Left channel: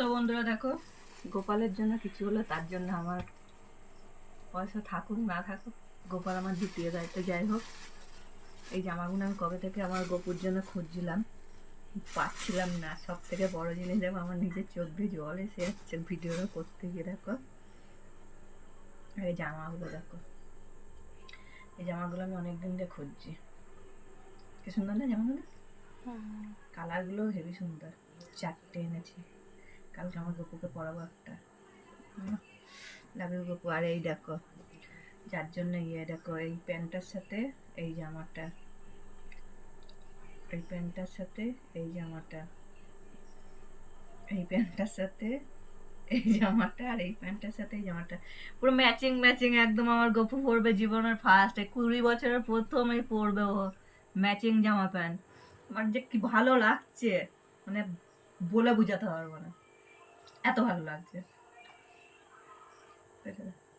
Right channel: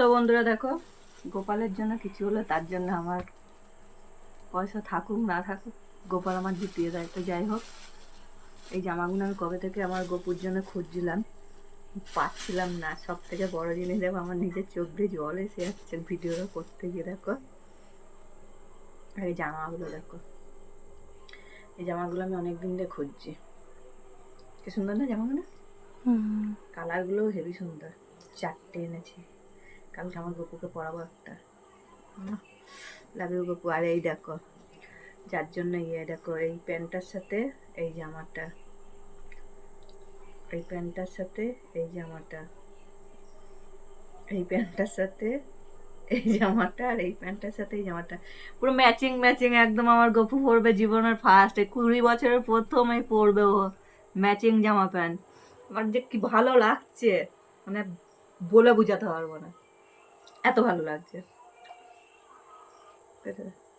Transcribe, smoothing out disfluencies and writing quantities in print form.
তো বন্ধুরা দেখো, গোপালের জন্য কিছু হলো, তার জন্য আমার পয়সা থাকুক না থাকুক গোপাল আমার জিতিয়ে দেয়। তো যাই হোক, এই জামাগুলো আমি কবে থেকে আমার গোপুর জন্য খুঁজছিলাম, পাচ্ছিলাম না। সব থেকে বড় জিনিস দেখো, আমার নিজের চোখ দিয়ে জল এসে যাচ্ছে ভিডিওটা করতে গিয়ে। দেখো এই জামাগুলো, দেখো এই জামাগুলো আমি অনেকদিন ধরে খুঁজছি। কি সুন্দর না জামাগুলো, কালারগুলো হেভি সুন্দর। 4টে এনেছি, কালকে আমার গপুকে পরাবো একটা। লাগবে গপু। আর এই দেখো, যার জন্য দেখো, এই প্যান্টটার সাথে এই জামাটা, এই প্যান্টটার সাথে এই জামাটা, এই প্যান্টটার সাথে এই জামাটা, আর এই প্যান্টটার সাথে এই জামাটা পুরো ম্যাচিং ম্যাচিং একদম। আমার গপু পরবে জীবনের ফার্স্ট, 20 বছরের প্রথম এই পরবে ও ম্যাচিং জামা প্যান্ট। আমার যে কি ভালো লাগছে, মানে বলে বোঝাতে পারবো না, এত ভালো লাগছে।